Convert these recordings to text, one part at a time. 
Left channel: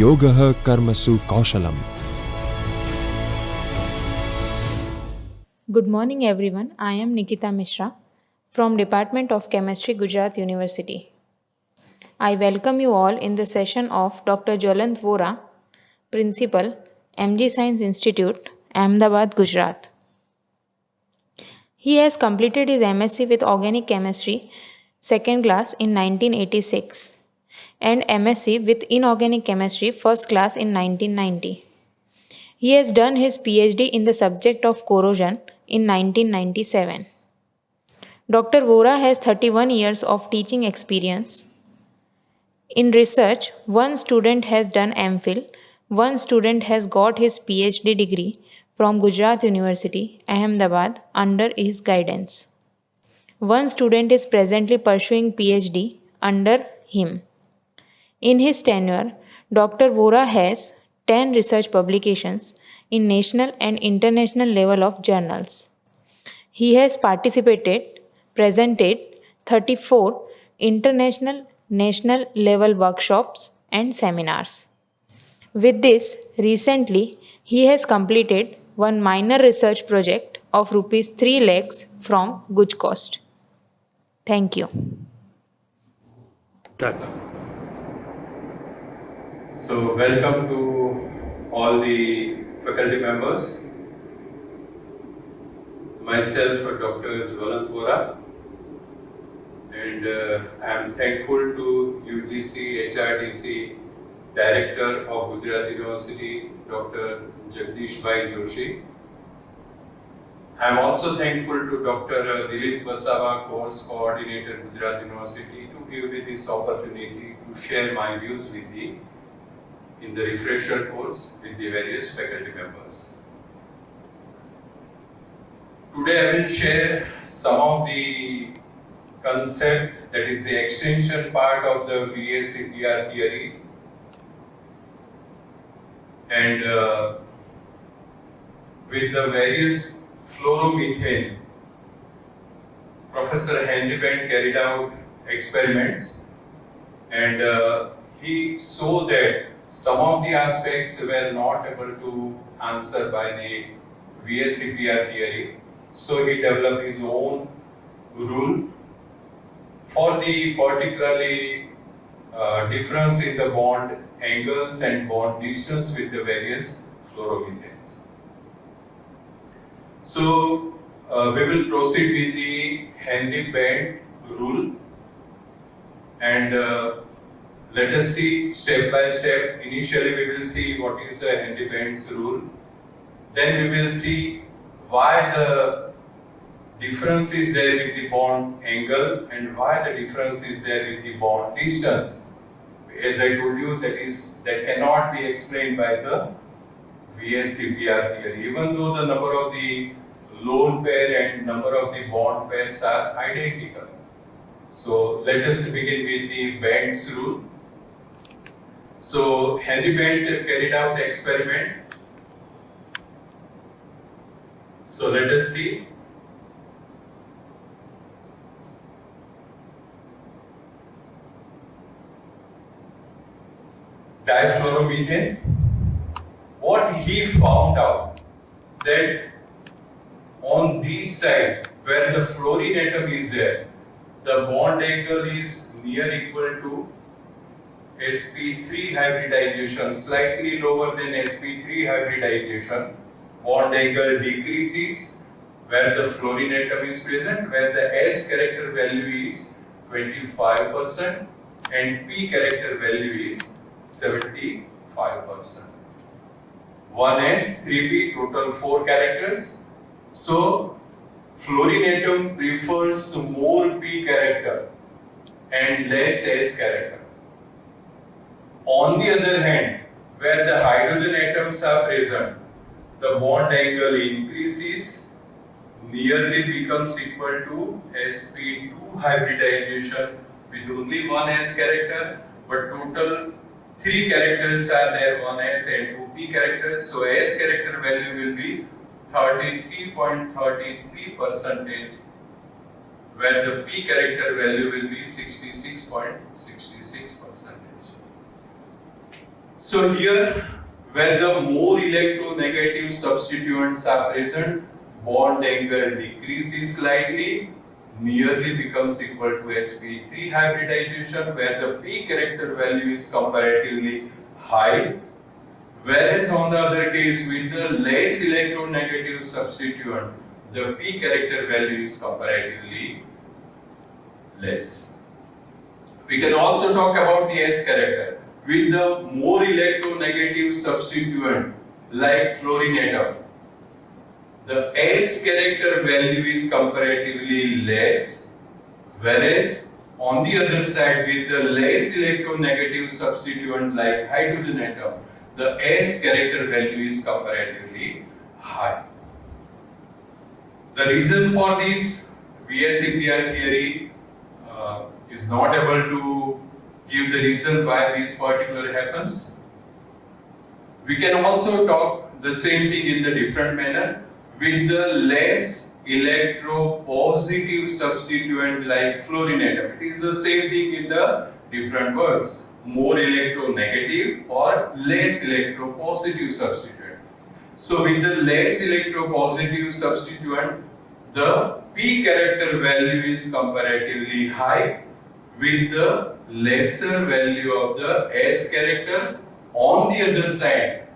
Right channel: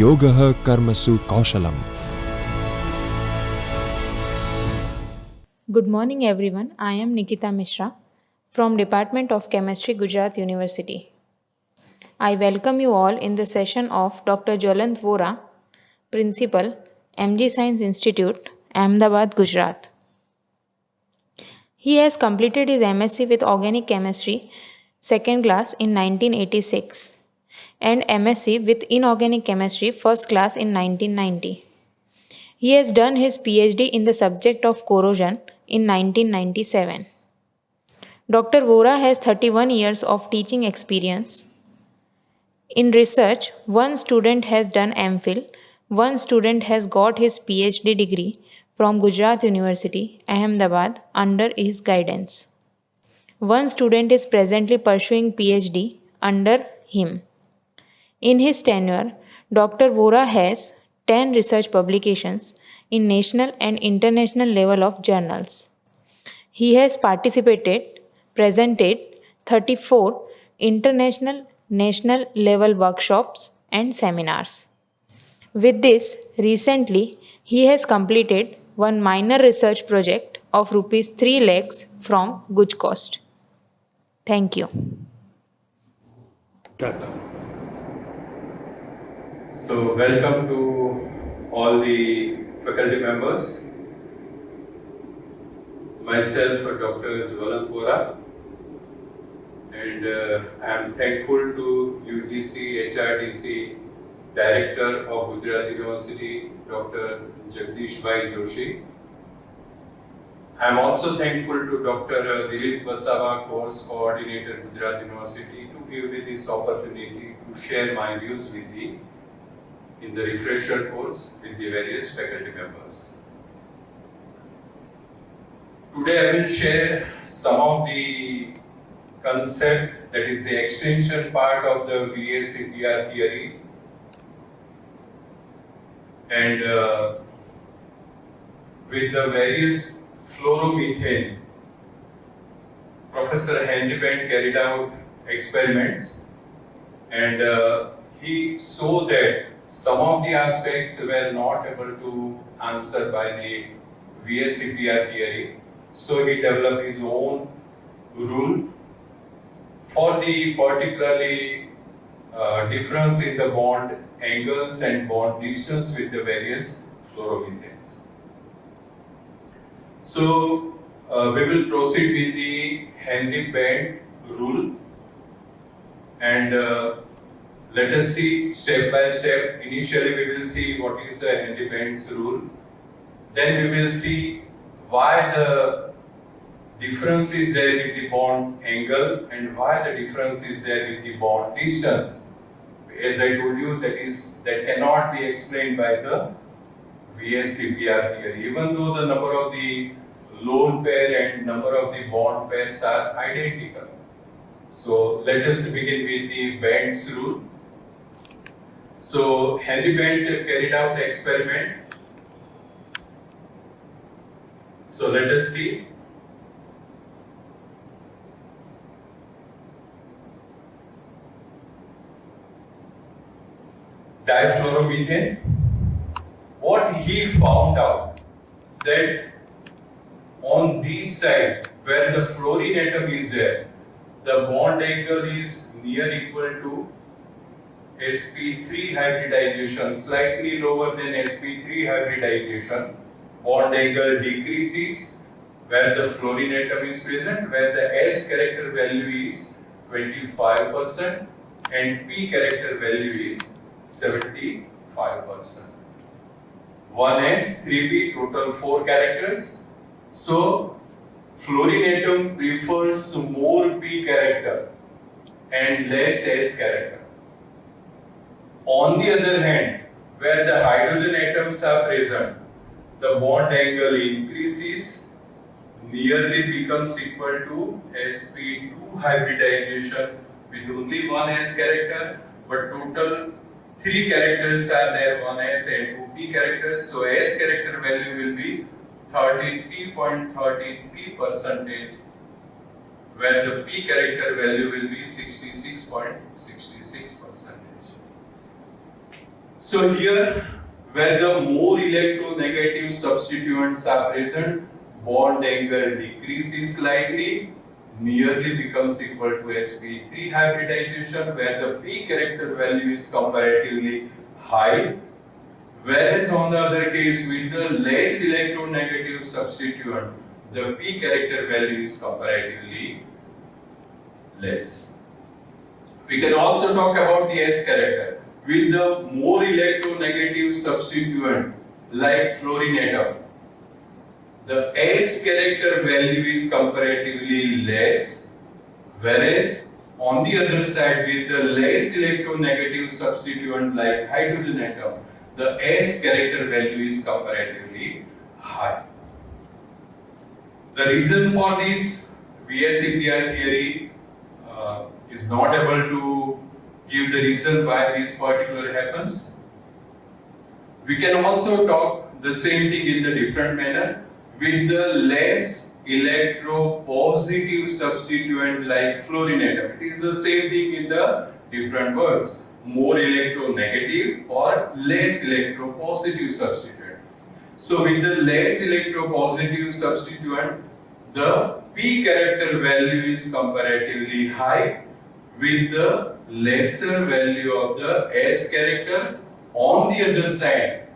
Yogah Karmasu Kaushalam. Good morning everyone. I am Nikita Mishra from Department of Chemistry, Gujarat University. I welcome you all in the session of Dr. Jwalant Vora, Principal, MG Science Institute, Ahmedabad, Gujarat. He has completed his MSc with Organic Chemistry, second class in 1986 and MSc with Inorganic Chemistry, first class in 1990. He has done his PhD in the subject of corrosion in 1997. Dr. Vora has 31 years of teaching experience. In research, one student has done MPhil, one student has got his PhD degree from Gujarat University, Ahmedabad, under his guidance. One student is presently pursuing PhD under him. In his tenure, Dr. Vora has 10 research publications in national and international level of journals. He has presented 34 international national level workshops and seminars. With this, recently he has completed one minor research project of rupees 3 lakhs from good cost. Thank you. So welcome to all the faculty members. Myself, Dr. Jwalant Vora, and I am thankful to UGC HRDC Director of Gujarat University, Dr. Jagdish Joshi. I am also thankful to Dr. Dilip Vasava, Course Coordinator, Gujarat University, to give me this opportunity to share my views with you in the refresher course with the various faculty members. Today I will share some of the concept, that is the extension part of the VA-CPR theory, and with the various fluoromethane, Professor Henry Bent carried out experiments, and he saw that some of the aspects were not able to answer by the VA-CPR theory. So he developed his own rule for the particularly difference in the bond angles and bond distance with the various fluoromethanes. So we will proceed with the Henry Bent rule, and let us see step by step. Initially we will see what is the Henry Bent's rule. Then we will see why the difference is there with the bond angle and why the difference is there with the bond distance. As I told you, that cannot be explained by the VA-CPR theory, even though the number of the lone pair and number of the bond pairs are identical. So let us begin with the Bent's rule. So Henry Bent carried out the experiment. So let us see. Difluoromethane. What he found out, that on this side where the fluorine atom is there, the bond angle is near equal to sp3 hybridization, slightly lower than sp3 hybridization. Bond angle decreases where the fluorine atom is present, where the S character value is 25% and P character value is 75%. 1S, 3P, total 4 characters. So fluorine atom prefers more P character and less S character. On the other hand, where the hydrogen atoms are present, the bond angle increases, nearly becomes equal to sp2 hybridization with only one S character, but total 3 characters are there, 1S and 2P characters. So S character value will be 33.33%, where the P character value will be 66.66%. So here, where the more electronegative substituents are present, bond angle decreases slightly, nearly becomes equal to sp3 hybridization, where the p character value is comparatively high. Whereas on the other case, with the less electronegative substituent, the p character value is comparatively less. We can also talk about the S character. With the more electronegative substituent like fluorine atom, the S character value is comparatively less, whereas on the other side with the less electronegative substituent like hydrogen atom, the S character value is comparatively high. The reason for this VSEPR theory is not able to give the reason why this particular happens. We can also talk the same thing in the different manner with the less electropositive substituent like fluorine atom. It is the same thing in the different words. More electronegative or less electropositive substituent. So with the less electropositive substituent, the P character value is comparatively high with the lesser value of the S character. On the other side,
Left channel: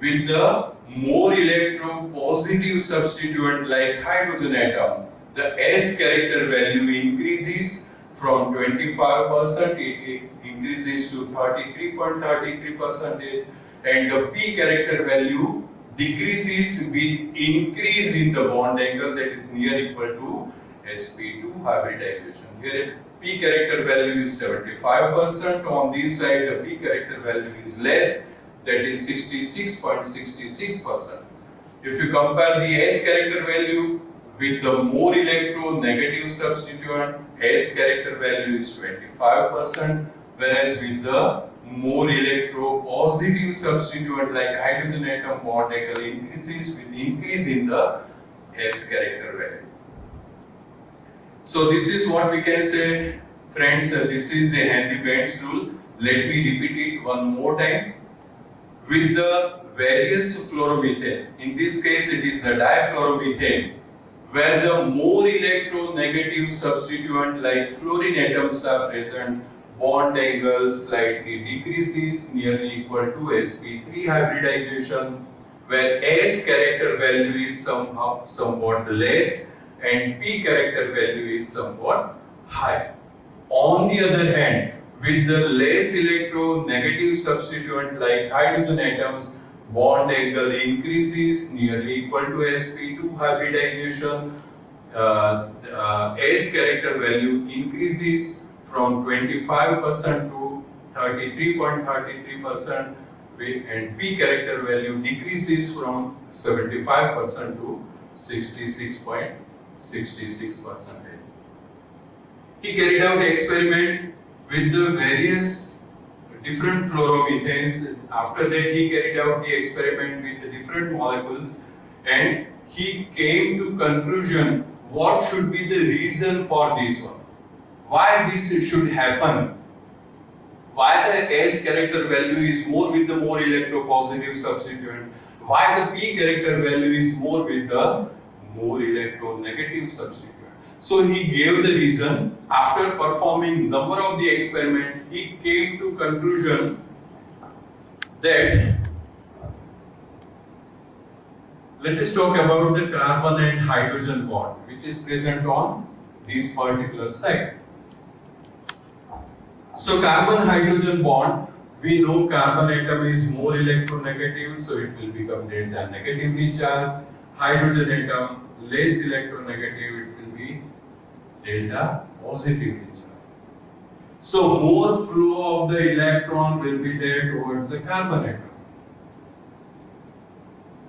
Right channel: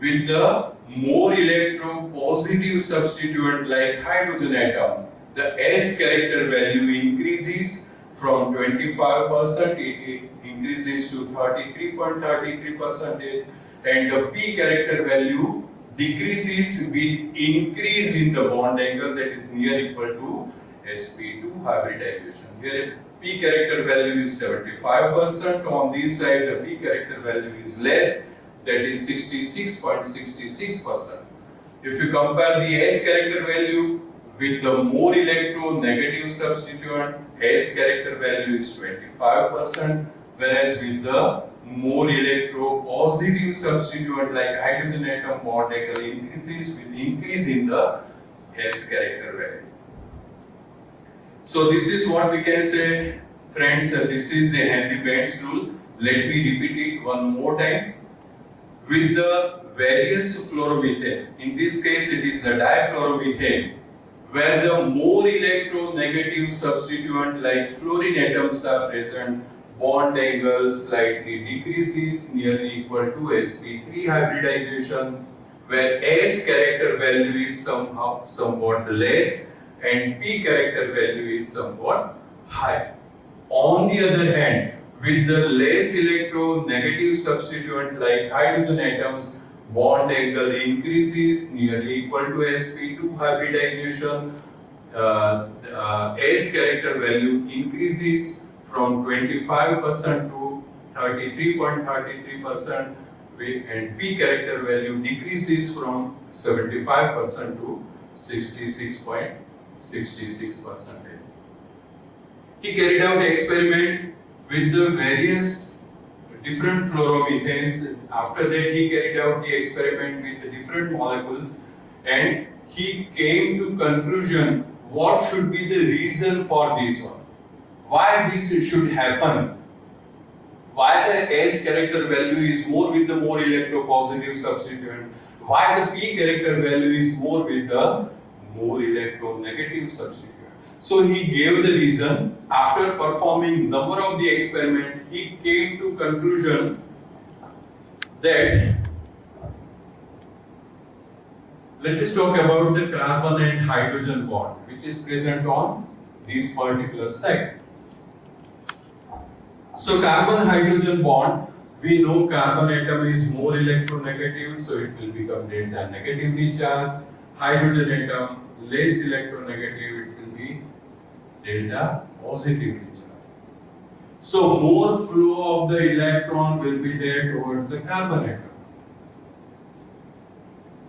with the more electropositive substituent like hydrogen atom, the S character value increases from 25%, it increases to 33.33%, and the P character value decreases with increase in the bond angle, that is near equal to sp2 hybridization. Here P character value is 75%, on this side the P character value is less, that is 66.66%. If you compare the S character value with the more electronegative substituent, S character value is 25%, whereas with the more electropositive substituent like hydrogen atom, bond angle increases with increase in the S character value. So this is what we can say, friends. This is the Henry Band's rule. Let me repeat it one more time. With the various fluoromethane, in this case it is the difluoromethane, where the more electronegative substituent like fluorine atoms are present, bond angle slightly decreases, nearly equal to sp3 hybridization, where S character value is somewhat less and P character value is somewhat high. On the other hand, with the less electronegative substituent like hydrogen atoms, bond angle increases, nearly equal to sp2 hybridization. S character value increases from 25% to 33.33%, and P character value decreases from 75% to 66.66%. He carried out experiment with the various different fluoromethanes. After that, he carried out the experiment with the different molecules, and he came to conclusion what should be the reason for this one. Why this should happen? Why the S character value is more with the more electropositive substituent? Why the P character value is more with the more electronegative substituent? So he gave the reason. After performing number of the experiment, he came to conclusion that, let us talk about the carbon and hydrogen bond which is present on this particular side. So carbon hydrogen bond, we know carbon atom is more electronegative, so it will become delta negatively charged. Hydrogen atom less electronegative, it will be delta positively charged. So more flow of the electron will be there towards the carbon atom.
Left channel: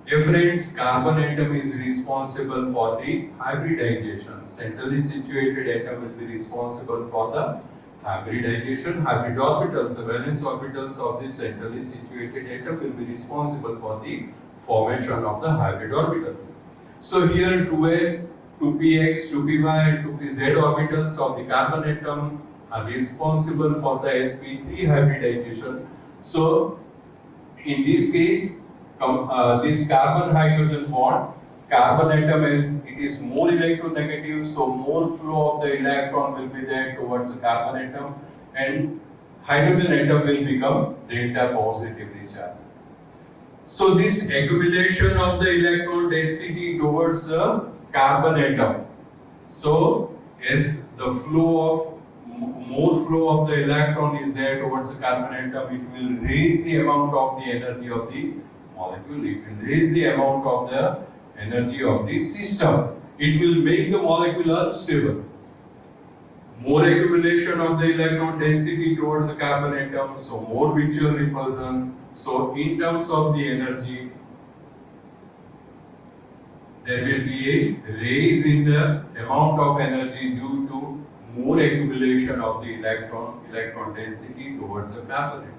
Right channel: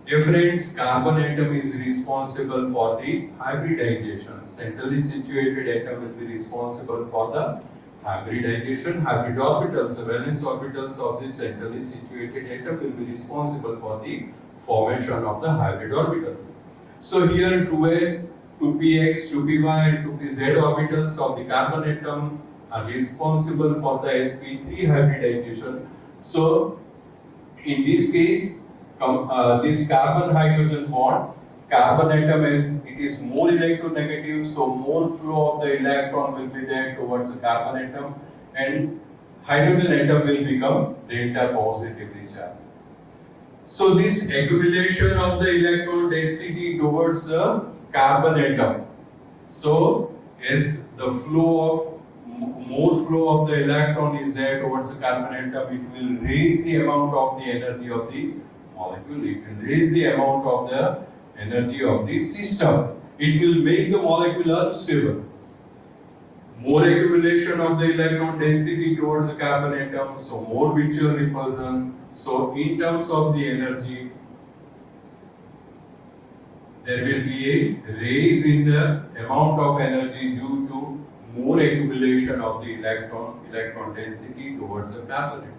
Dear friends, carbon atom is responsible for the hybridization. Centrally situated atom will be responsible for the hybridization. Hybrid orbitals, the valence orbitals of the centrally situated atom will be responsible for the formation of the hybrid orbitals. So here 2s, 2px, 2py and 2pz orbitals of the carbon atom are responsible for the sp3 hybridization. So In this case, this carbon-hydrogen bond, carbon atom is more electronegative, so more flow of the electron will be there towards the carbon atom, and hydrogen atom will become delta positively charged. So this accumulation of the electron density towards the carbon atom. So as the flow of more flow of the electron is there towards the carbon atom, it will raise the amount of the energy of the molecule. It will raise the amount of the energy of the system. It will make the molecule unstable. More accumulation of the electron density towards the carbon atom, so more mutual repulsion. So in terms of the energy, there will be a raise in the amount of energy due to more accumulation of the electron density towards the carbon atom.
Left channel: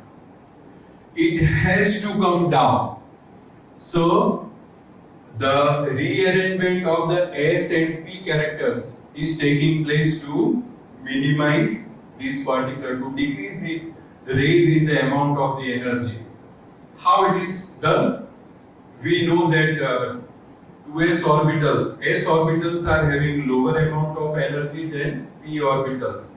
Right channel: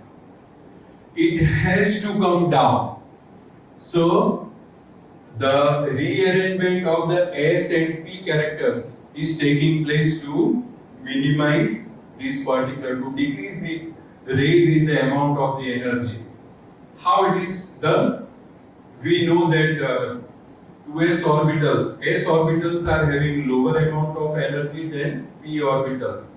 It has to come down. So the rearrangement of the S and P characters is taking place to minimize this particular, to decrease this raise in the amount of the energy. How it is done? We know that 2s orbitals, s orbitals are having lower amount of energy than p orbitals.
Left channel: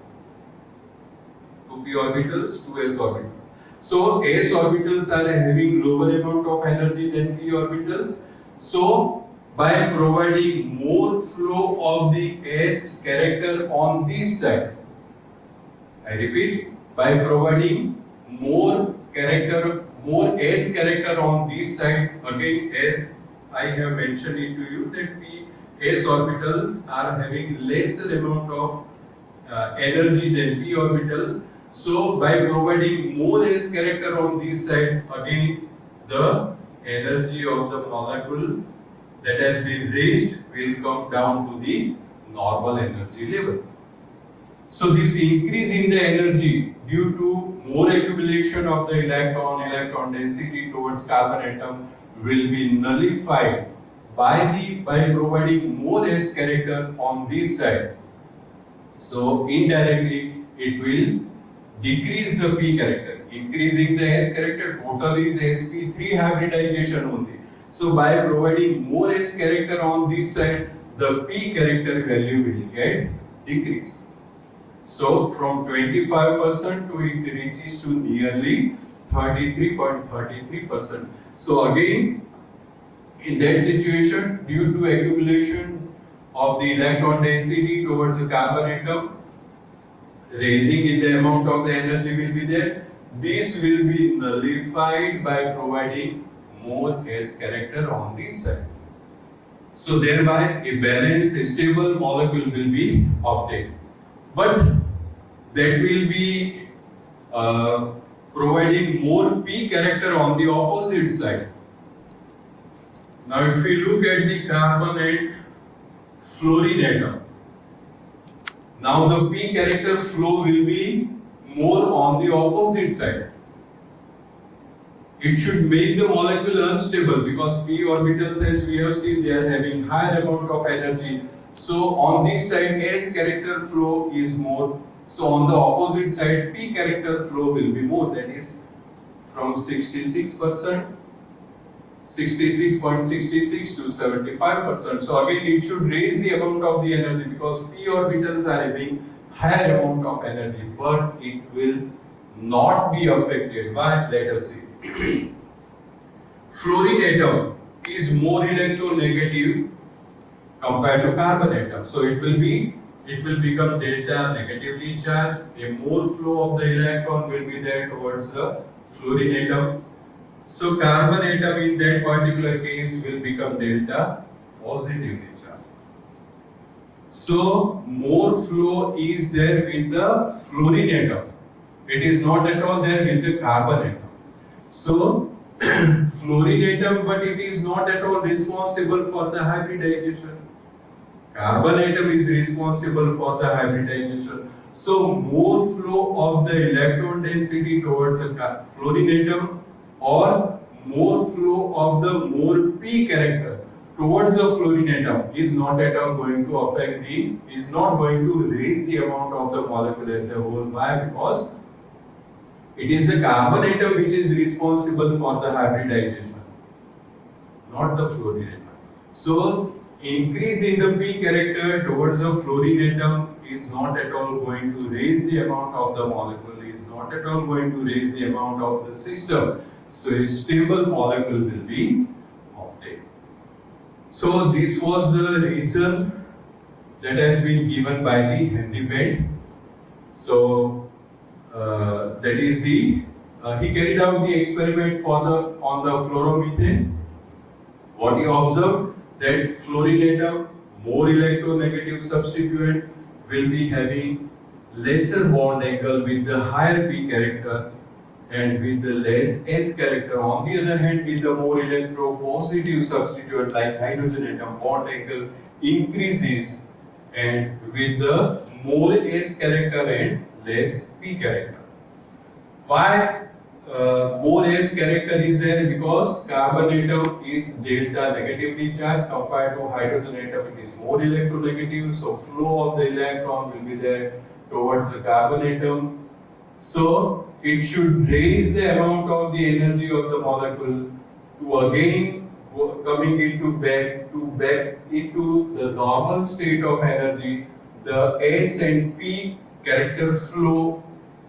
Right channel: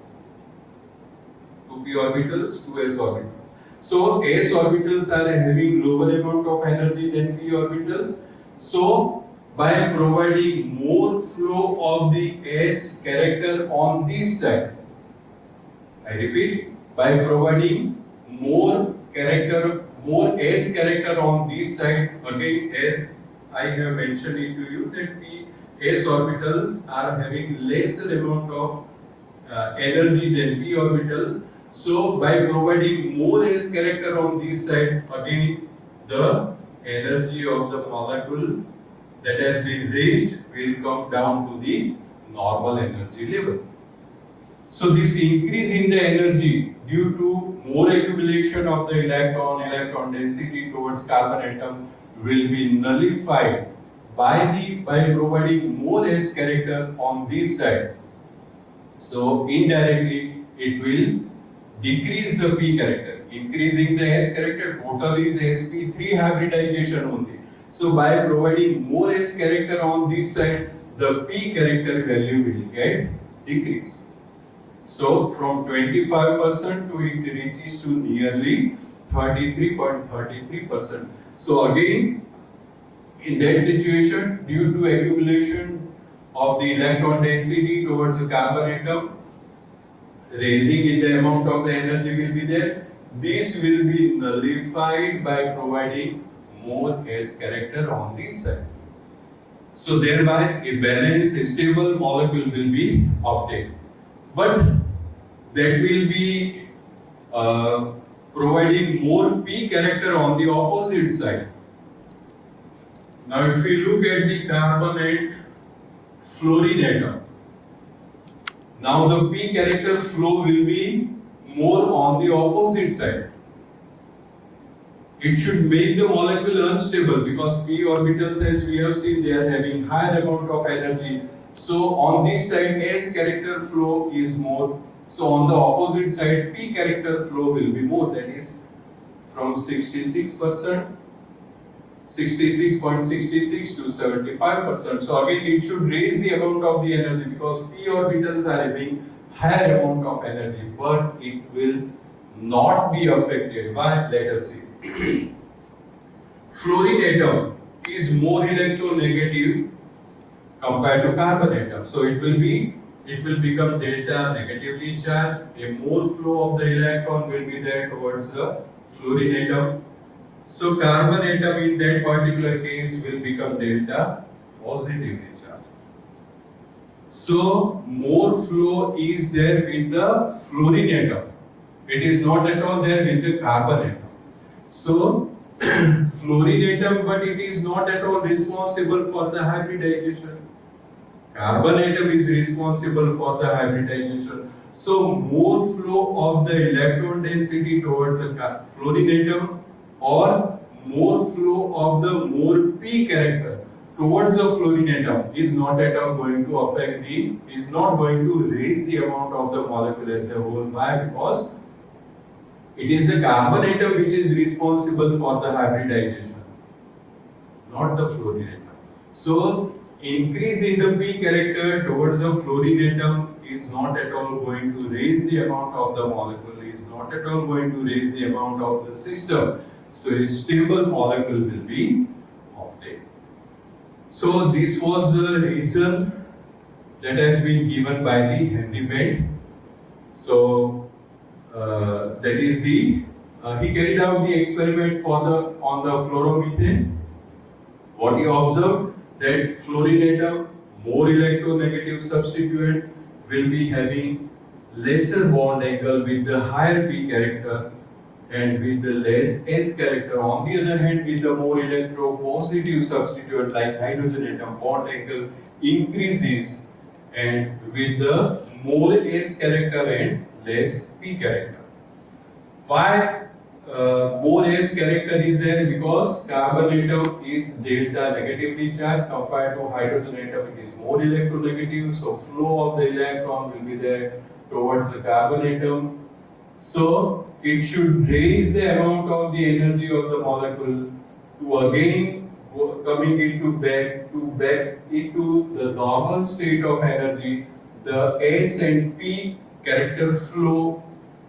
2p orbitals, 2s orbitals. So s orbitals are having lower amount of energy than p orbitals. So by providing more flow of the s character on this side, I repeat, by providing more s character on this side, again as I have mentioned it to you that s orbitals are having lesser amount of energy than p orbitals. So by providing more s character on this side, again the energy of the molecule that has been raised will come down to the normal energy level. So this increase in the energy due to more accumulation of the electron density towards carbon atom will be nullified by providing more s character on this side. So indirectly it will decrease the p character. Increasing the s character, total is sp3 hybridization only. So by providing more s character on this side, the p character value will get decreased. So from 25% to it reaches to nearly 33.33%. So again, in that situation, due to accumulation of the electron density towards the carbon atom, raising in the amount of the energy will be there. This will be nullified by providing more s character on this side. So thereby a balanced, stable molecule will be obtained. But that will be providing more p character on the opposite side. Now if we look at the carbon and fluorine atom, now the p character flow will be more on the opposite side. It should make the molecule unstable because p orbitals, as we have seen, they are having higher amount of energy. So on this side s character flow is more. So on the opposite side p character flow will be more, that is from 66%, 66.66 to 75%. So again it should raise the amount of the energy because p orbitals are having higher amount of energy, but it will not be affected by, let us see. Fluorine atom is more electronegative compared to carbon atom. So it will become delta negatively charged. A more flow of the electron will be there towards the fluorine atom. So carbon atom in that particular case will become delta positively charged. So more flow is there with the fluorine atom. It is not at all there with the carbon atom. So fluorine atom, but it is not at all responsible for the hybridization. Carbon atom is responsible for the hybridization. So more flow of the electron density towards the fluorine atom or more flow of the more p character towards the fluorine atom is not at all going to affect is not going to raise the amount of the molecule as a whole. Why? Because It is the carbon atom which is responsible for the hybridization, not the fluorine atom. So, increase in the p character towards the fluorine atom is not at all going to raise the amount of the molecule, is not at all going to raise the amount of the system. So, a stable molecule will be obtained. So, this was the reason that has been given by the Henry Bent. So, that is the he carried out the experiment for the on the fluoromethane. What he observed, that fluorine atom, more electronegative substituent, will be having lesser bond angle with the higher p character and with the less s character. On the other hand, with the more electropositive substituent like hydrogen atom, bond angle increases, and with the more s character and less p character. Why more s character is there? Because carbon atom is delta negatively charged compared to hydrogen atom. It is more electronegative, so flow of the electron will be there towards the carbon atom. So it should raise the amount of the energy of the molecule to again coming back into the normal state of energy. The s and p character flow,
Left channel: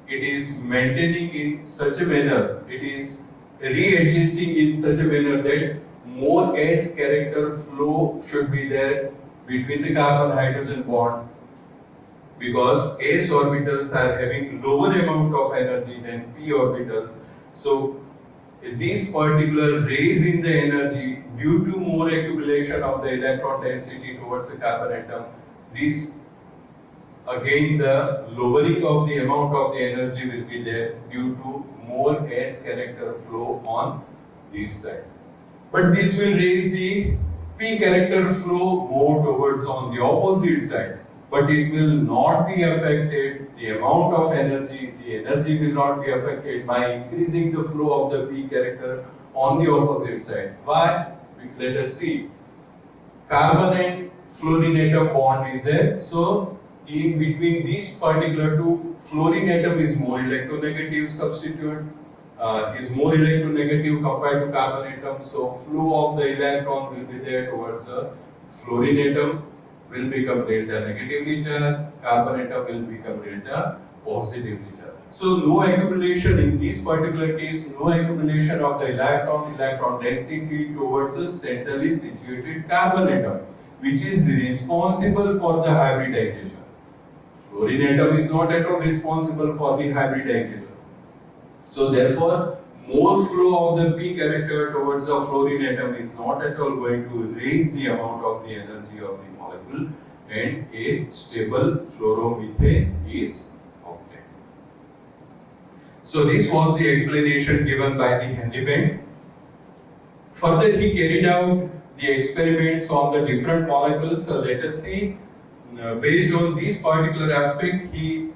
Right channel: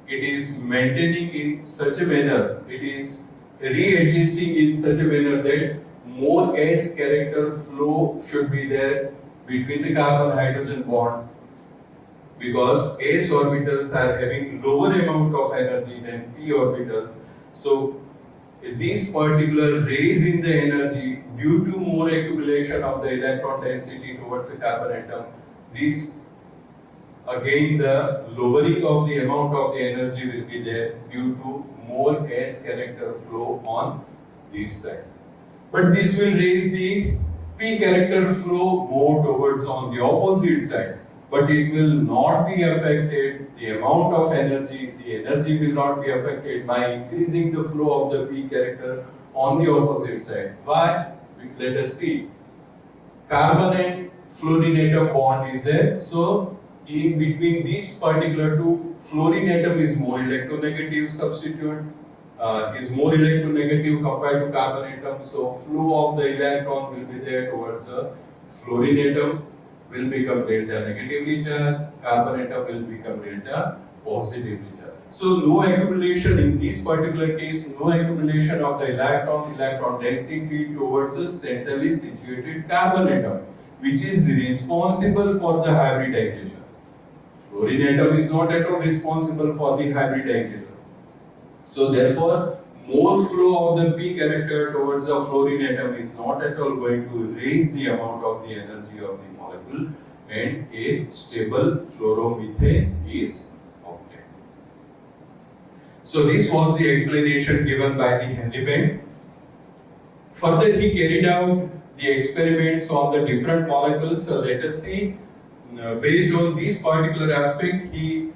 it is maintaining in such a manner, it is readjusting in such a manner that more s character flow should be there between the carbon hydrogen bond, because s orbitals are having lower amount of energy than p orbitals. So this particular raise in the energy due to more accumulation of the electron density towards the carbon atom, this again the lowering of the amount of the energy will be there due to more s character flow on this side. But this will raise the p character flow more towards on the opposite side. But it will not be affected, the amount of energy, the energy will not be affected by increasing the flow of the p character on the opposite side. Why? Let us see. Carbon and fluorine atom bond is there. So in between these particular two, fluorine atom is more electronegative substituent, is more electronegative compared to carbon atom. So flow of the electron will be there towards the fluorine atom, will become delta negatively charged, carbon atom will become delta positively charged. So no accumulation in this particular case, no accumulation of the electron density towards the centrally situated carbon atom, which is responsible for the hybridization. Fluorine atom is not at all responsible for the hybridization. So therefore, more flow of the p character towards the fluorine atom is not at all going to raise the amount of the energy of the molecule, and a stable fluoromethane is obtained. So this was the explanation given by the Henry Bent. Further, he carried out the experiments on the different molecules. So let us see. Based on these particular aspect, he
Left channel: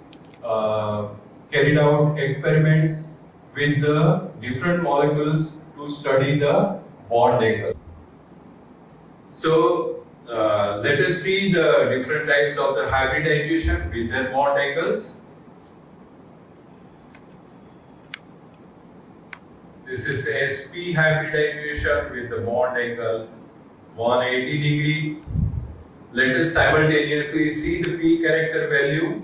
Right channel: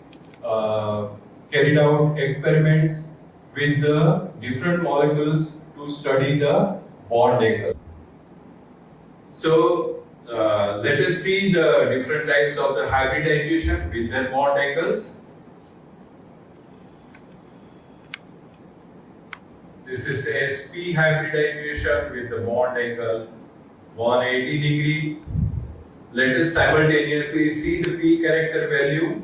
carried out experiments with the different molecules to study the bond angle. So let us see the different types of the hybridization with their bond angles. This is sp hybridization with the bond angle 180 degree. Let us simultaneously see the p character value.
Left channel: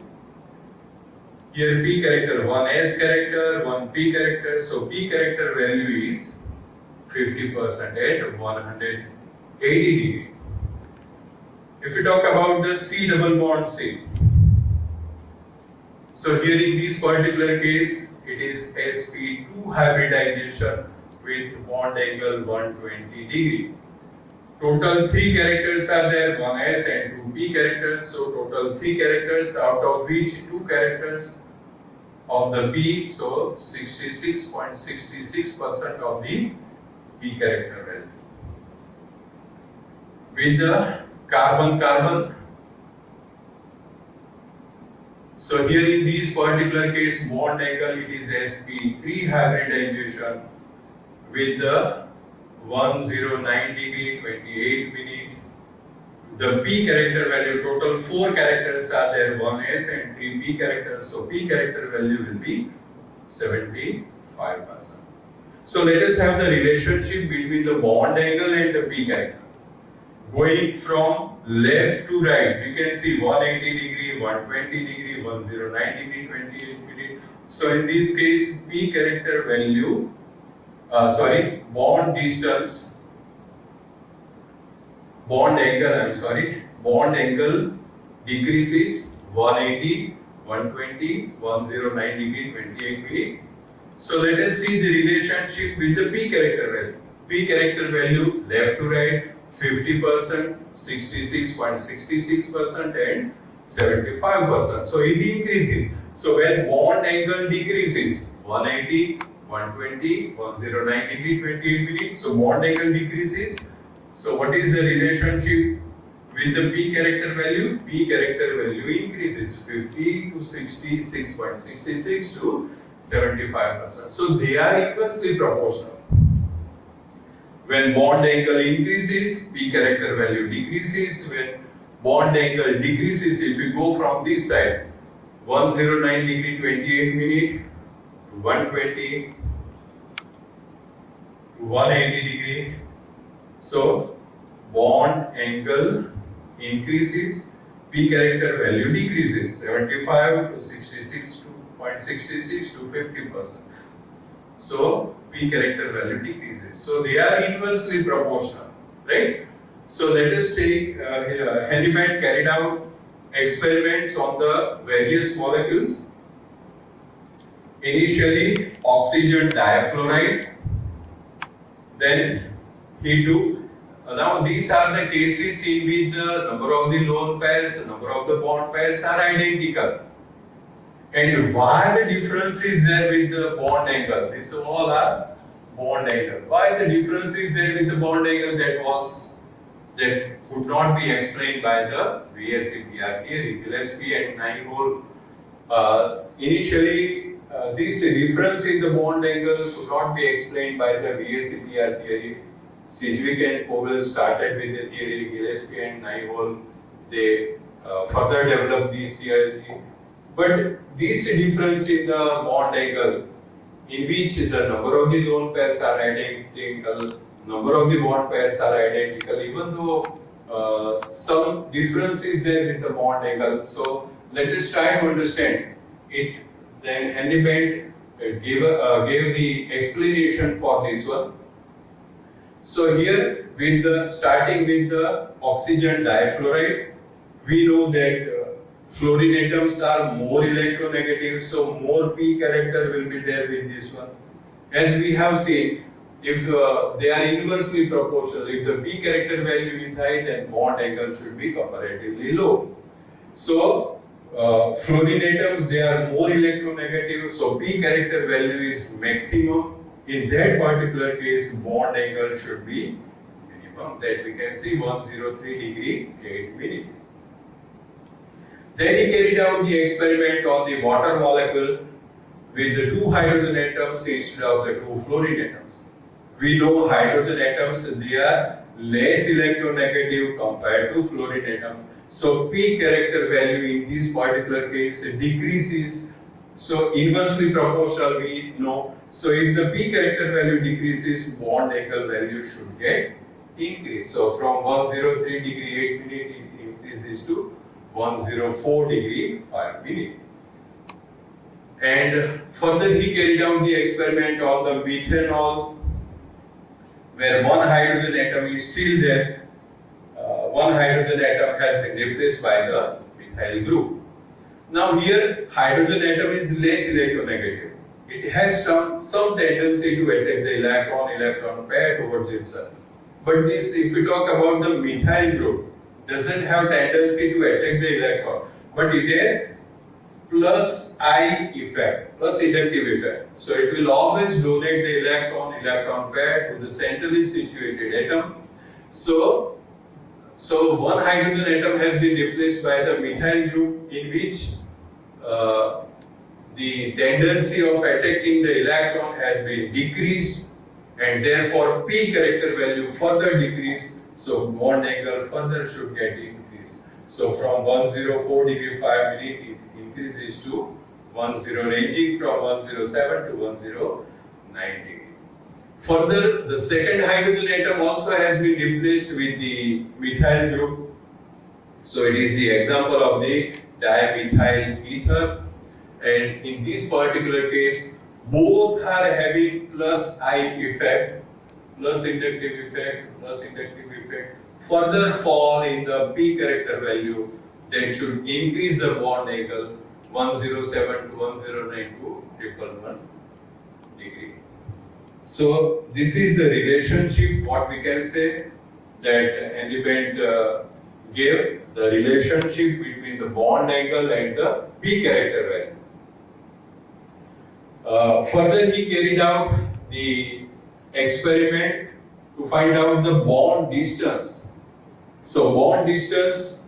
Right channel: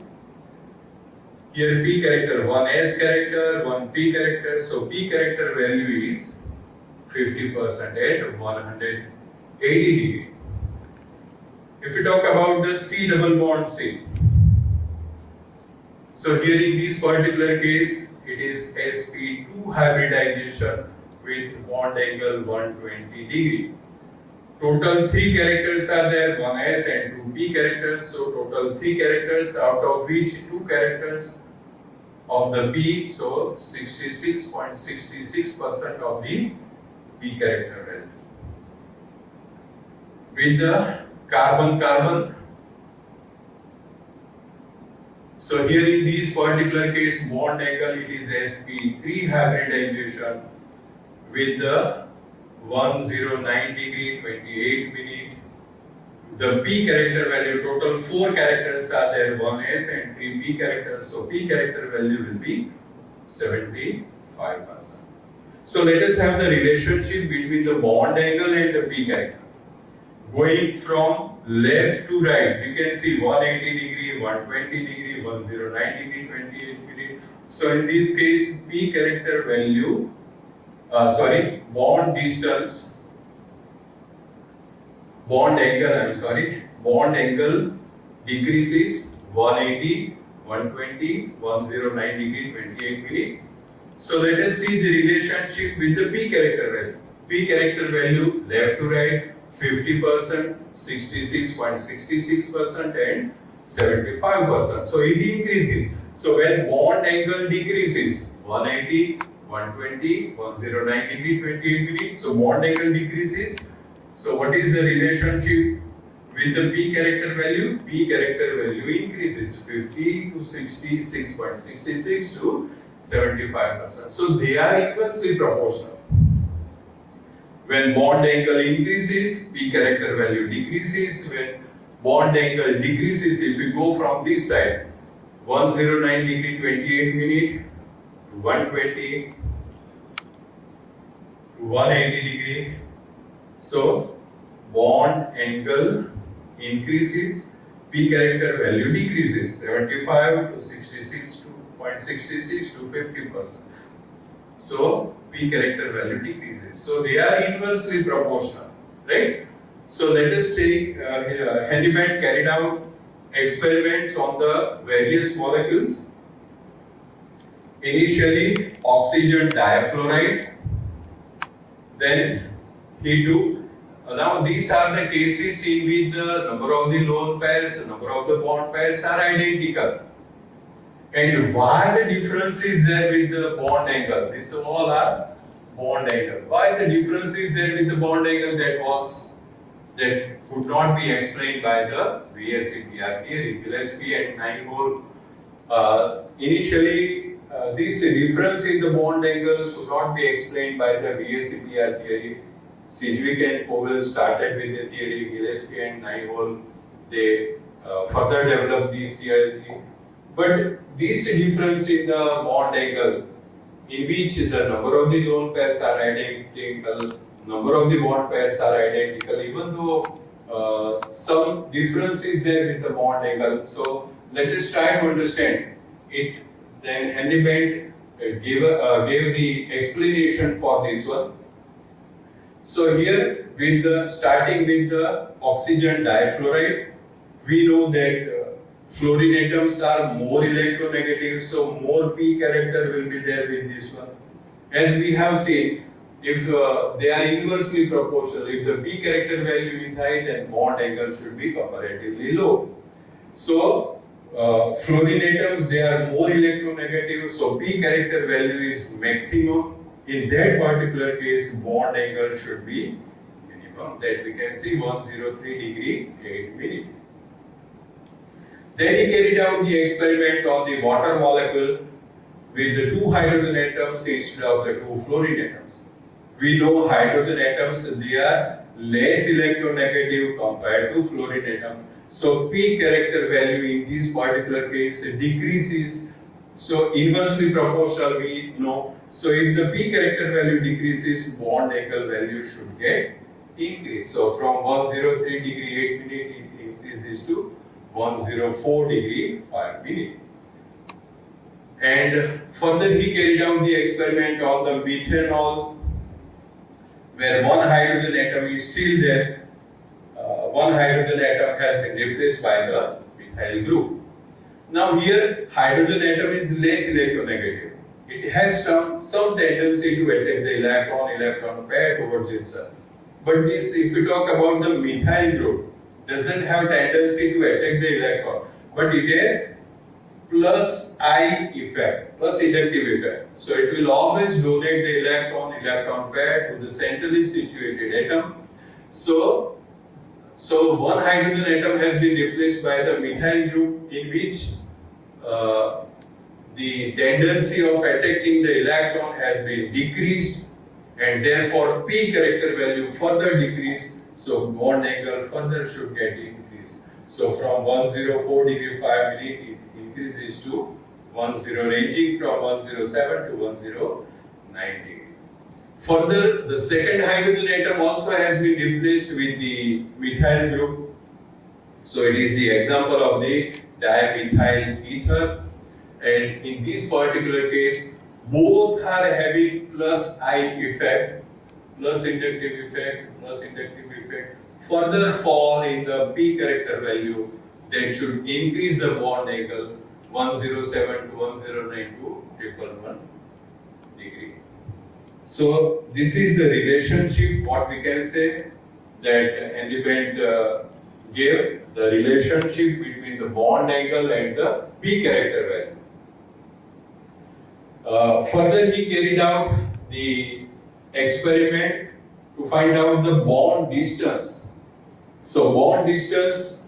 Here p character, one s character, one p character. So p character value is 50% at 180 degree. If we talk about the C double bond C, so here in this particular case, it is sp2 hybridization with bond angle 120 degree. Total 3 characters are there, 1s and 2p characters. So total 3 characters, out of which 2 characters of the p, so 66.66% of the p character value. With the carbon-carbon, so here in this particular case, bond angle, it is sp3 hybridization with the 109 degree, 28 minute. The p character value, total 4 characters are there, 1s and 3p characters. So p character value will be 75%. So let us have the relationship between the bond angle and the P character. Going from left to right, you can see 180 degree, 120 degree, 109 degree, 28 degree. So in this case, P character value, bond distance, bond angle decreases 180, 120, 109 degree, 28 degree. So let us see the relationship with the P character value. P character value left to right, 50%, 66.66% and 75%. So it increases. So when bond angle decreases, 180, 120, 109 degree, 28 degree. So bond angle decreases. So what is the relationship with the P character value? P character value increases 50 to 66.66 to 75%. So they are inversely proportional. When bond angle increases, P character value decreases. When bond angle decreases, if we go from this side, 109 degree 28 minute to 120 to 180 degree. So bond angle increases, P character value decreases 75 to 66.66 to 50%. So P character value decreases. So they are inversely proportional, right? So let us take Hennepin carried out experiments on the various molecules. Initially oxygen difluoride, then he took. Now these are the cases in which the number of the lone pairs, number of the bond pairs are identical. And why the difference is there with the bond angle? These all are bond angle. Why the difference is there with the bond angle? That could not be explained by the VSEPR theory. Gillespie and Nyhol. Initially, this difference in the bond angle could not be explained by the VSEPR theory. Sidgwick and Powell started with the theory. Gillespie and Nyhol, they further developed this theory. But this difference in the bond angle, in which the number of the lone pairs are identical, number of the bond pairs are identical, even though some difference is there in the bond angle. So let us try to understand it. Then Hennepin gave the explanation for this one. So here, starting with the oxygen difluoride, we know that fluorine atoms are more electronegative, so more P character will be there with this one. As we have seen, if they are inversely proportional, if the P character value is high, then bond angle should be comparatively low. So fluorine atoms, they are more electronegative, so P character value is maximum. In that particular case, bond angle should be minimum. That we can see 103 degree 8 minute. Then he carried out the experiment on the water molecule with the 2 hydrogen atoms instead of the 2 fluorine atoms. We know hydrogen atoms, they are less electronegative compared to fluorine atom. So P character value in this particular case decreases. So inversely proportional we know. So if the P character value decreases, bond angle value should get increased. So from 103 degree 8 minute it increases to 104 degree 5 minute. And further he carried out the experiment on the methanol, where one hydrogen atom is still there. One hydrogen atom has been replaced by the methyl group. Now here hydrogen atom is less electronegative. It has some tendency to attack the electron pair towards itself. But this, if we talk about the methyl group, doesn't have tendency to attack the electron, but it has plus I effect, plus inductive effect. So it will always donate the electron pair to the centrally situated atom. So one hydrogen atom has been replaced by the methyl group, in which the tendency of attacking the electron has been decreased, and therefore P character value further decreased. So bond angle further should get increased. So from 104 degree 5 minute it increases to ranging from 107 to 109 degree. Further, the second hydrogen atom also has been replaced with the methyl group. So it is the example of the dimethyl ether, and in this particular case, both are having plus I effect, plus inductive effect, further fall in the P character value that should increase the bond angle 107 to 109 to 111 degree. So this is the relationship, what we can say, that Henry Bent gave, the relationship between the bond angle and the P character value. Further, he carried out the experiment to find out the bond distance. So bond distance,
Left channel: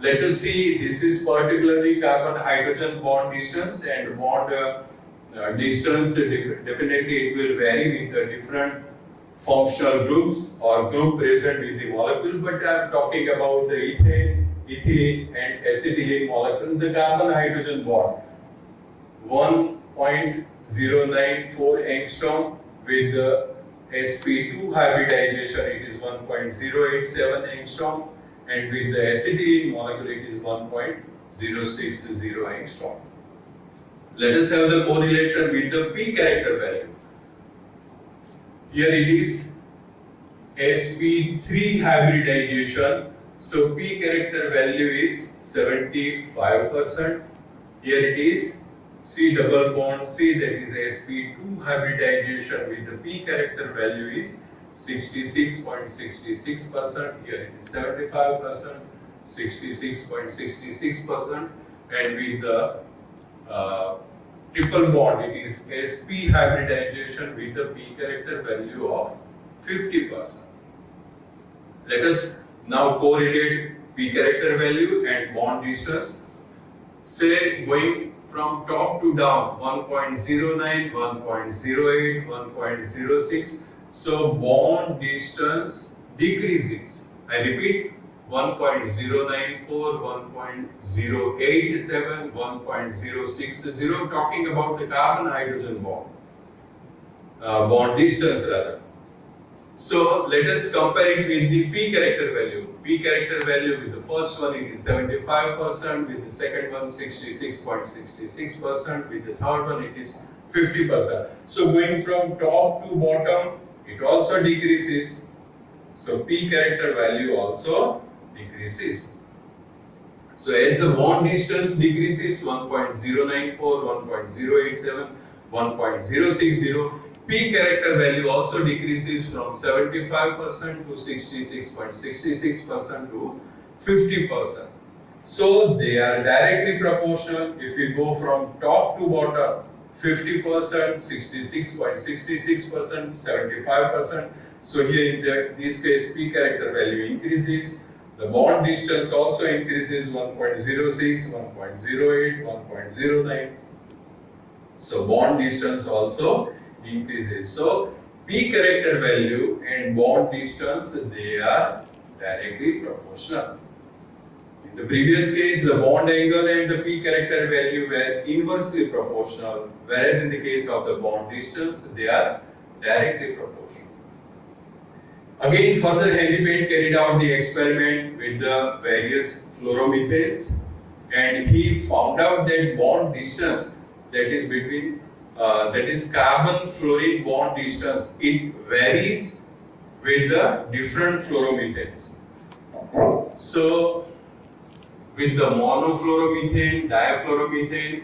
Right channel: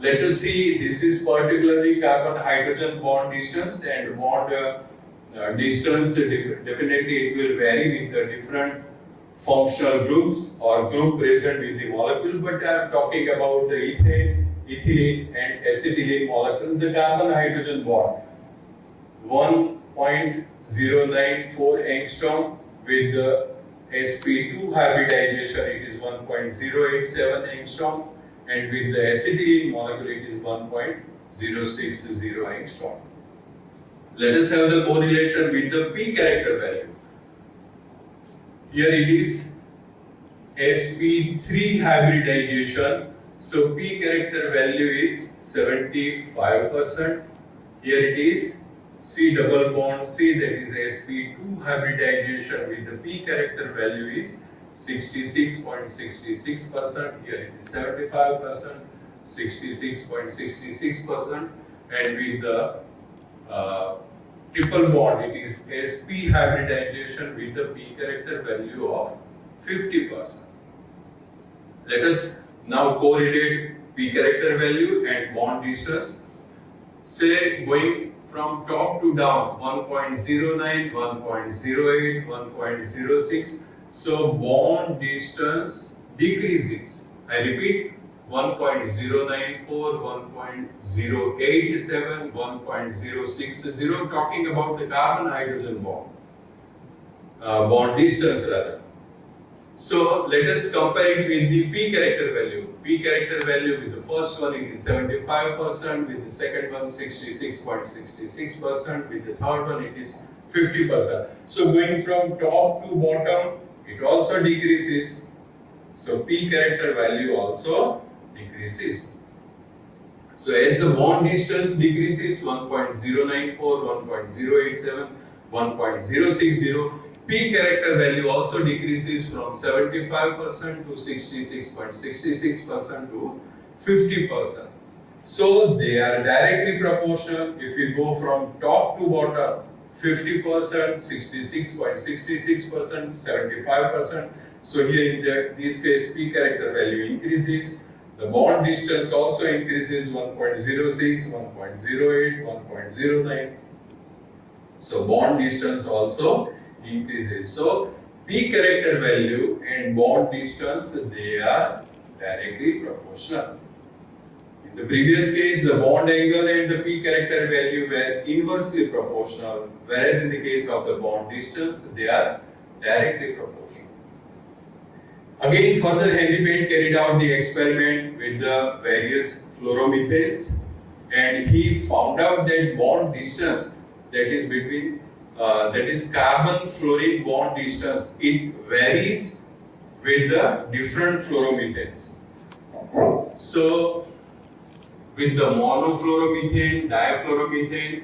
let us see, this is particularly carbon-hydrogen bond distance, and bond distance definitely it will vary with the different functional groups or group present with the molecule, but I am talking about the ethane, ethylene and acetylene molecule, the carbon-hydrogen bond. 1.094 angstrom with the sp2 hybridization it is 1.087 angstrom, and with the acetylene molecule it is 1.060 angstrom. Let us have the correlation with the P character value. Here it is sp3 hybridization, so P character value is 75%. Here it is C double bond C, that is sp2 hybridization with the P character value is 66.66%. Here it is 75%, 66.66%, and with the triple bond it is sp hybridization with the P character value of 50%. Let us now correlate P character value and bond distance. Say going from top to down 1.09, 1.08, 1.06. So bond distance decreases. I repeat, 1.094, 1.087, 1.060, talking about the carbon-hydrogen bond. Bond distance rather. So let us compare it with the P character value. P character value with the first one it is 75%, with the second one 66.66%, with the third one it is 50%. So going from top to bottom, it also decreases. So P character value also decreases. So as the bond distance decreases 1.094, 1.087, 1.060, P character value also decreases from 75% to 66.66% to 50%. So they are directly proportional. If we go from top to bottom, 50%, 66.66%, 75%. So here in this case, P character value increases. The bond distance also increases 1.06, 1.08, 1.09. So bond distance also increases. So P character value and bond distance, they are directly proportional. In the previous case, the bond angle and the P character value were inversely proportional, whereas in the case of the bond distance, they are directly proportional. Again, further Henry Bent carried out the experiment with the various fluoromethanes, and he found out that bond distance, that is between carbon-fluorine bond distance, it varies with the different fluoromethanes. So, with the monofluoromethane, difluoromethane,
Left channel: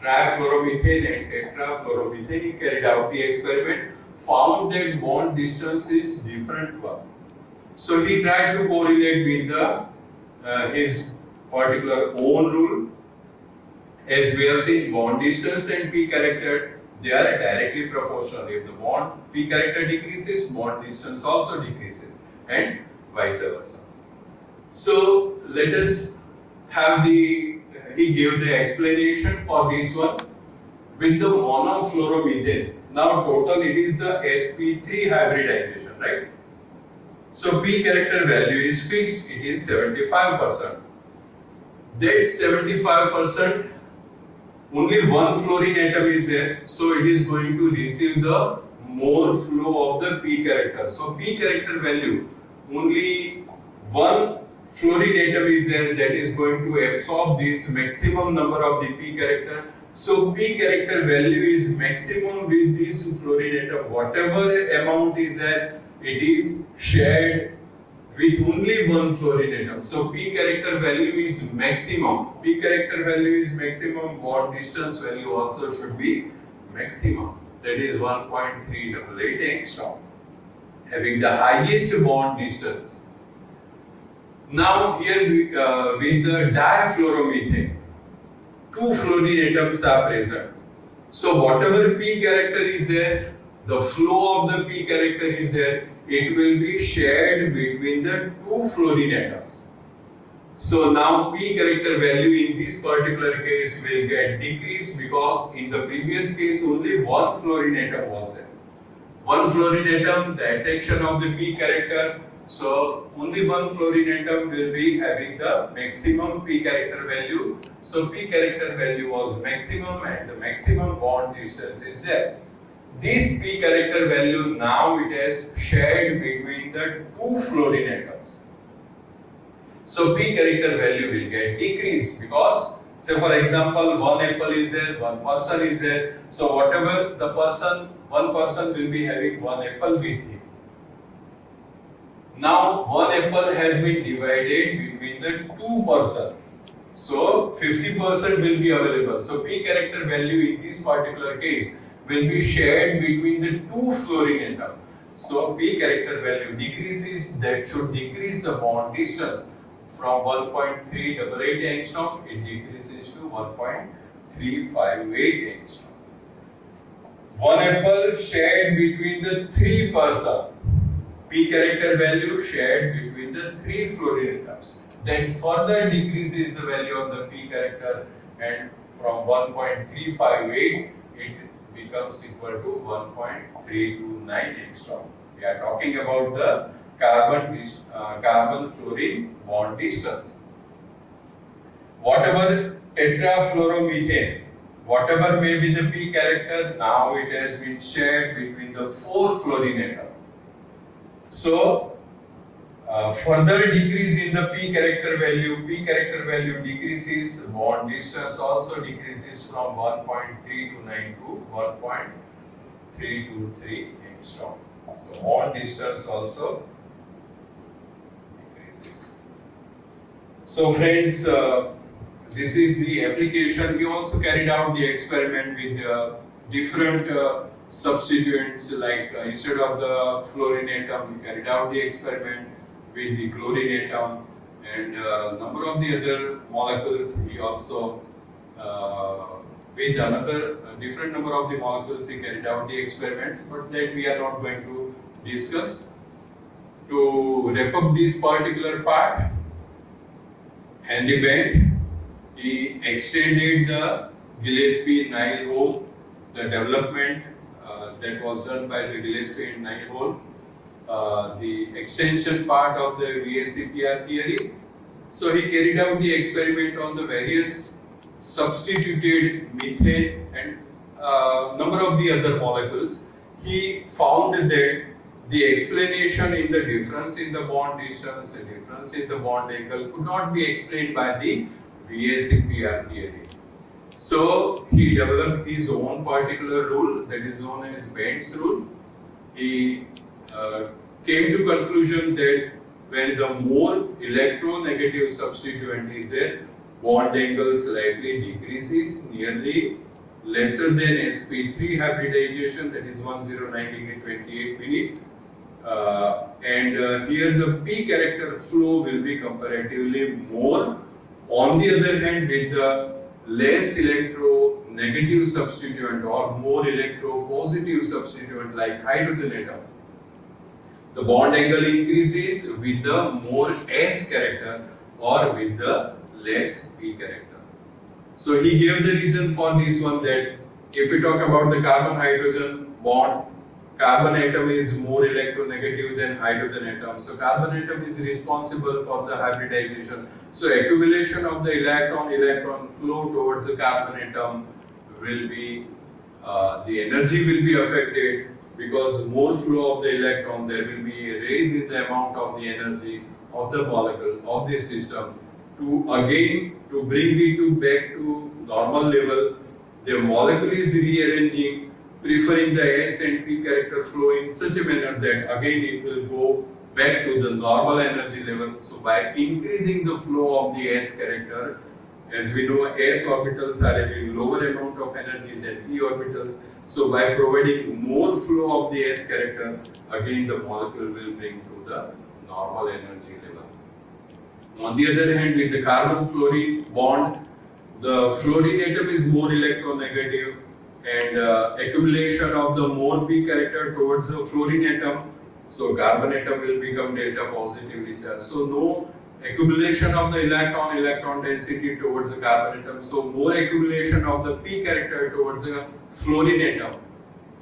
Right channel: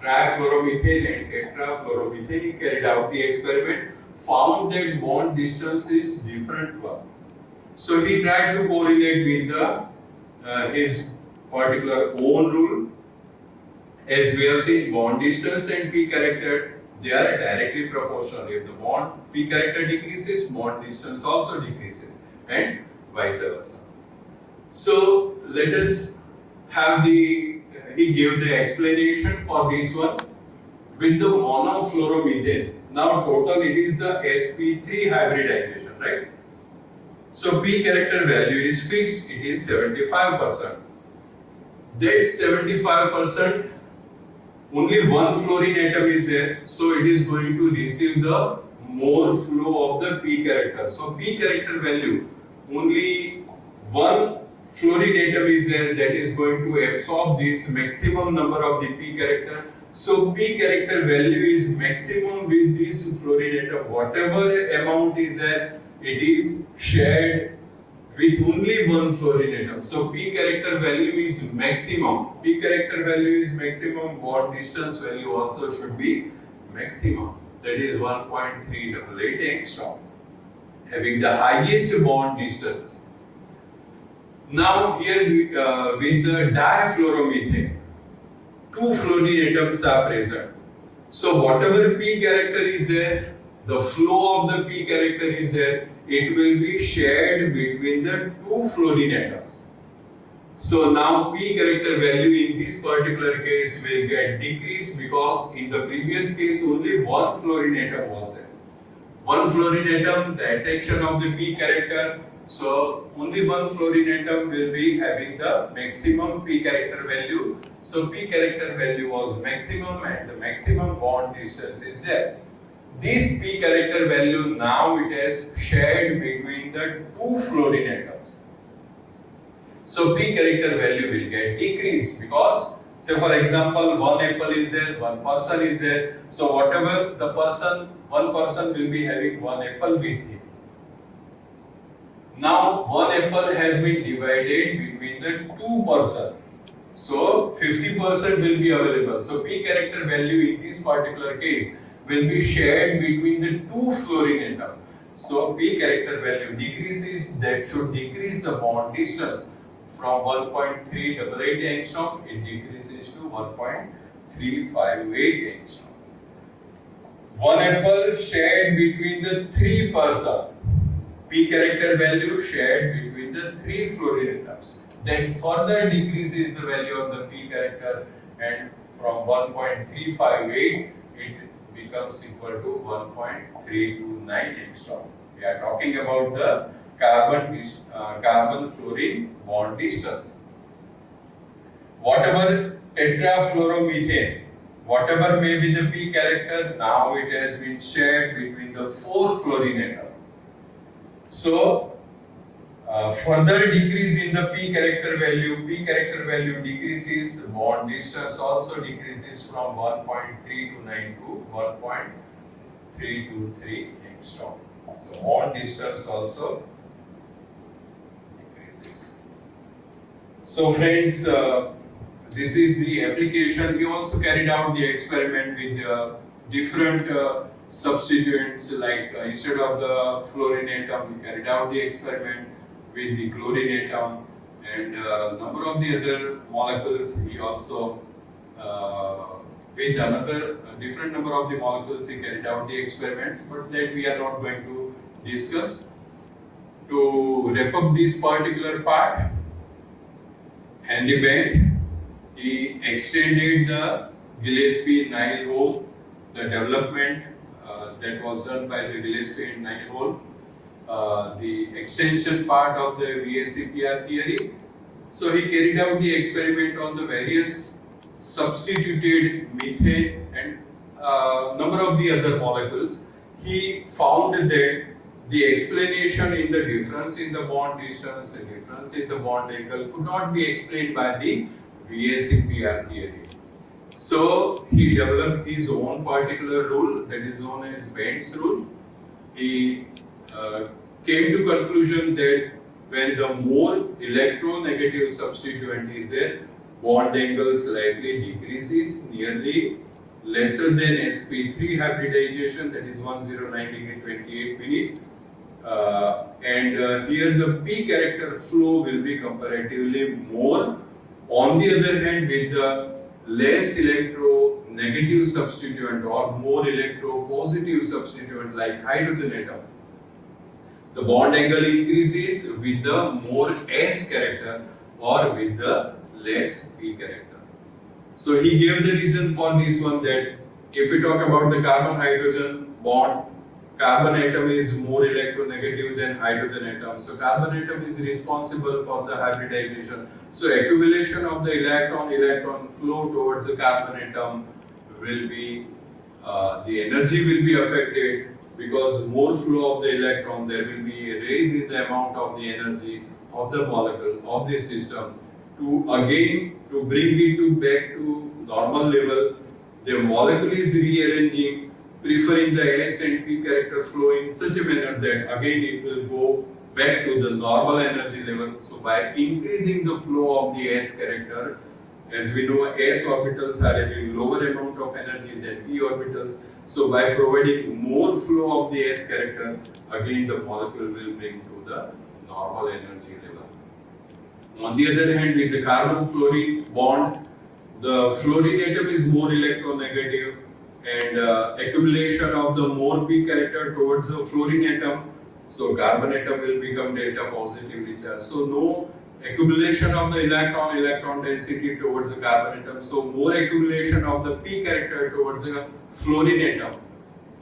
trifluoromethane and tetrafluoromethane, he carried out the experiment, found that bond distance is different one. So he tried to correlate with his particular own rule. As we have seen, bond distance and P character, they are directly proportional. If the bond P character decreases, bond distance also decreases, and vice versa. So let us have he gave the explanation for this one with the monofluoromethane. Now total it is the sp3 hybridization, right? So P character value is fixed, it is 75%. That 75% only one fluorine atom is there, so it is going to receive the more flow of the p character. So p character value, only one fluorine atom is there that is going to absorb this maximum number of the p character. So p character value is maximum with this fluorine atom. Whatever amount is there, it is shared with only one fluorine atom. So p character value is maximum. P character value is maximum. Bond distance value also should be maximum. That is 1.388 angstrom, having the highest bond distance. Now here with the difluoromethane, two fluorine atoms are present. So whatever p character is there, the flow of the p character is there, it will be shared between the two fluorine atoms. So now p character value in this particular case will get decreased, because in the previous case only one fluorine atom was there. One fluorine atom, the attraction of the p character, so only one fluorine atom will be having the maximum p character value. So p character value was maximum and the maximum bond distance is there. This p character value now it has shared between the two fluorine atoms. So p character value will get decreased, because say for example one apple is there, one person is there. So whatever the person, one person will be having one apple with him. Now one apple has been divided between the two persons. So 50% will be available. So p character value in this particular case will be shared between the two fluorine atoms. So p character value decreases, that should decrease the bond distance from 1.388 angstrom, it decreases to 1.358 angstrom. One apple shared between the three persons, p character value shared between the three fluorine atoms. That further decreases the value of the p character, and from 1.358 it becomes equal to 1.329 angstrom. We are talking about the carbon fluorine bond distance. Whatever tetrafluoromethane, whatever may be the p character, now it has been shared between the four fluorine atoms. So further decrease in the p character value decreases, bond distance also decreases from 1.329 to 1.323 angstrom. So bond distance also decreases. So friends, this is the application. We also carried out the experiment with different substituents, like instead of the fluorine atom, we carried out the experiment with the chlorine atom, and number of the other molecules. We also with another different number of the molecules we carried out the experiments, but that we are not going to discuss. To wrap up this particular part, Henry Bent, he extended the Gillespie-Nile hole, the development that was done by the Gillespie and Nile hole, the extension part of the VSEPR theory. So he carried out the experiment on the various substituted methane and number of the other molecules. He found that the explanation in the difference in the bond distance, the difference in the bond angle could not be explained by the VSEPR theory. So he developed his own particular rule that is known as Bent's rule. He came to conclusion that when the more electronegative substituent is there, bond angle slightly decreases, nearly lesser than sp3 hybridization, that is 1090 degree 28 minute. And here the p character flow will be comparatively more. On the other hand, with the less electronegative substituent or more electropositive substituent like hydrogen atom, the bond angle increases with the more S character or with the less P character. So he gave the reason for this one, that if we talk about the carbon-hydrogen bond, carbon atom is more electronegative than hydrogen atom. So carbon atom is responsible for the hybridization. So accumulation of the electron flow towards the carbon atom will be the energy will be affected, because more flow of the electron, there will be a raise in the amount of the energy of the molecule of this system. To bring it back to normal level, the molecule is rearranging, preferring the S and P character flow in such a manner that again it will go back to the normal energy level. So by increasing the flow of the S character, as we know, S orbitals are having lower amount of energy than P orbitals. So by providing more flow of the S character, again the molecule will bring to the normal energy level. On the other hand, with the carbon-fluorine bond, the fluorine atom is more electronegative, and accumulation of the more P character towards the fluorine atom, so carbon atom will become delta positively charged. So no accumulation of the electron density towards the carbon atom. So more accumulation of the P character towards the fluorine atom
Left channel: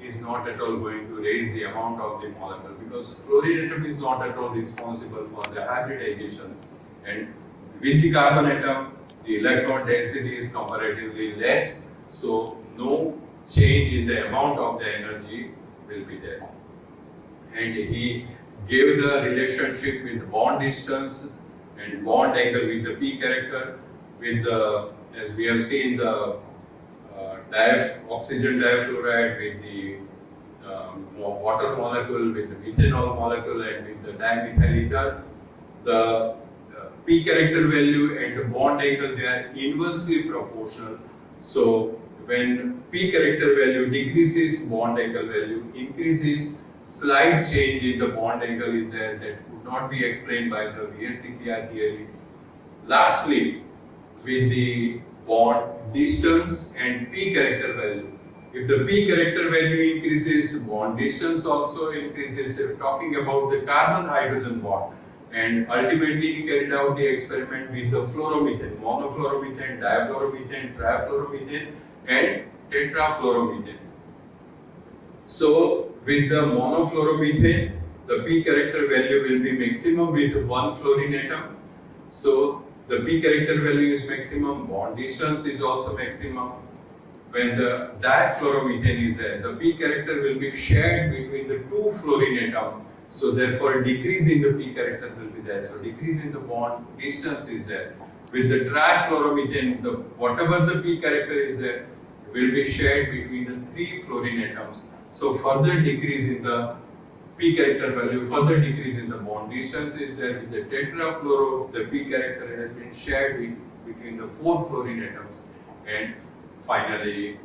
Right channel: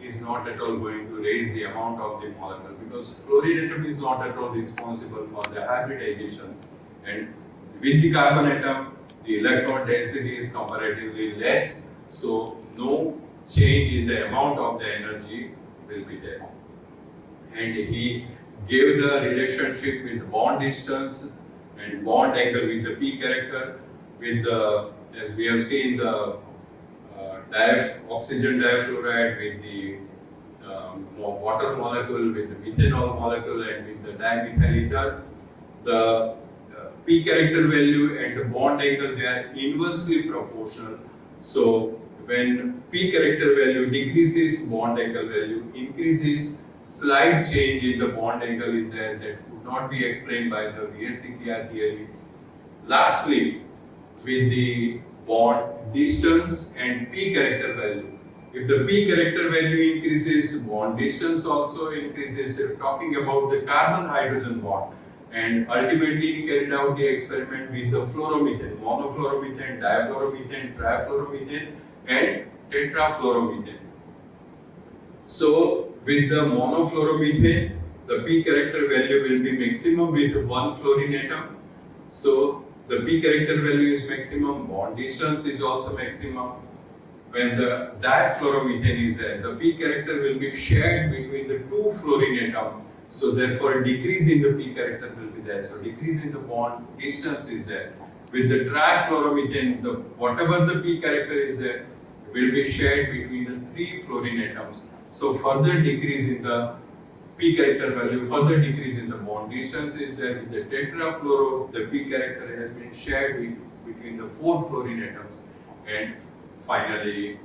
is not at all going to raise the amount of the molecule, because fluorine atom is not at all responsible for the hybridization. And with the carbon atom, the electron density is comparatively less, so no change in the amount of the energy will be there. And he gave the relationship with bond distance and bond angle with the P character, with the, as we have seen, the oxygen difluoride with the water molecule, with the methanol molecule, and with the dimethyl ether. The P character value and the bond angle, they are inversely proportional. So when P character value decreases, bond angle value increases. Slight change in the bond angle is there that could not be explained by the VSEPR theory. Lastly, with the bond distance and P character value, if the P character value increases, bond distance also increases. Talking about the carbon-hydrogen bond, and ultimately he carried out the experiment with the fluoromethane, monofluoromethane, difluoromethane, trifluoromethane, and tetrafluoromethane. So with the monofluoromethane, the P character value will be maximum with one fluorine atom. So the P character value is maximum, bond distance is also maximum. When the difluoromethane is there, the P character will be shared between the two fluorine atoms. So therefore, decrease in the P character will be there. So decrease in the bond distance is there. With the trifluoromethane, whatever the P character is there will be shared between the three fluorine atoms. So further decrease in the P character value, further decrease in the bond distance is there. With the tetrafluoro, the P character has been shared between the four fluorine atoms. And finally,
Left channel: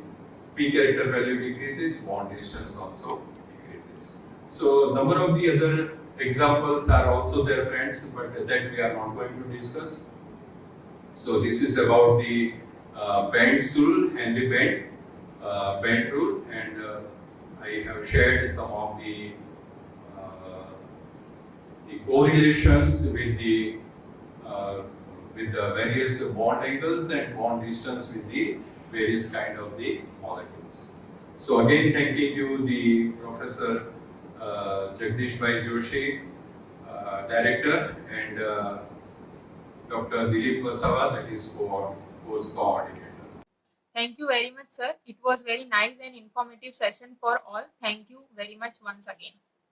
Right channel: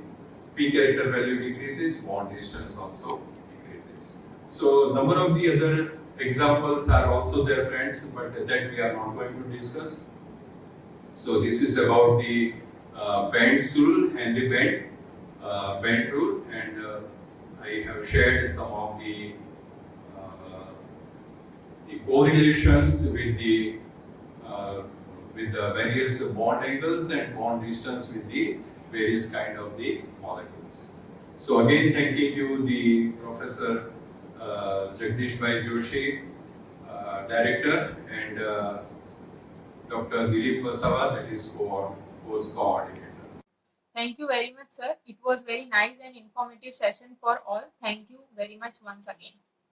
P character value decreases, bond distance also decreases. So number of the other examples are also there, friends, but that we are not going to discuss. So this is about the Bend's rule and the Bend rule, and I have shared some of the correlations with the various bond angles and bond distance with the various kind of the molecules. So again, thanking you, the Professor Jagdish Bhai Joshi, Director, and Dr. Dilip Vasava, that is course coordinator. Thank you very much, sir. It was very nice and informative session for all. Thank you very much once again.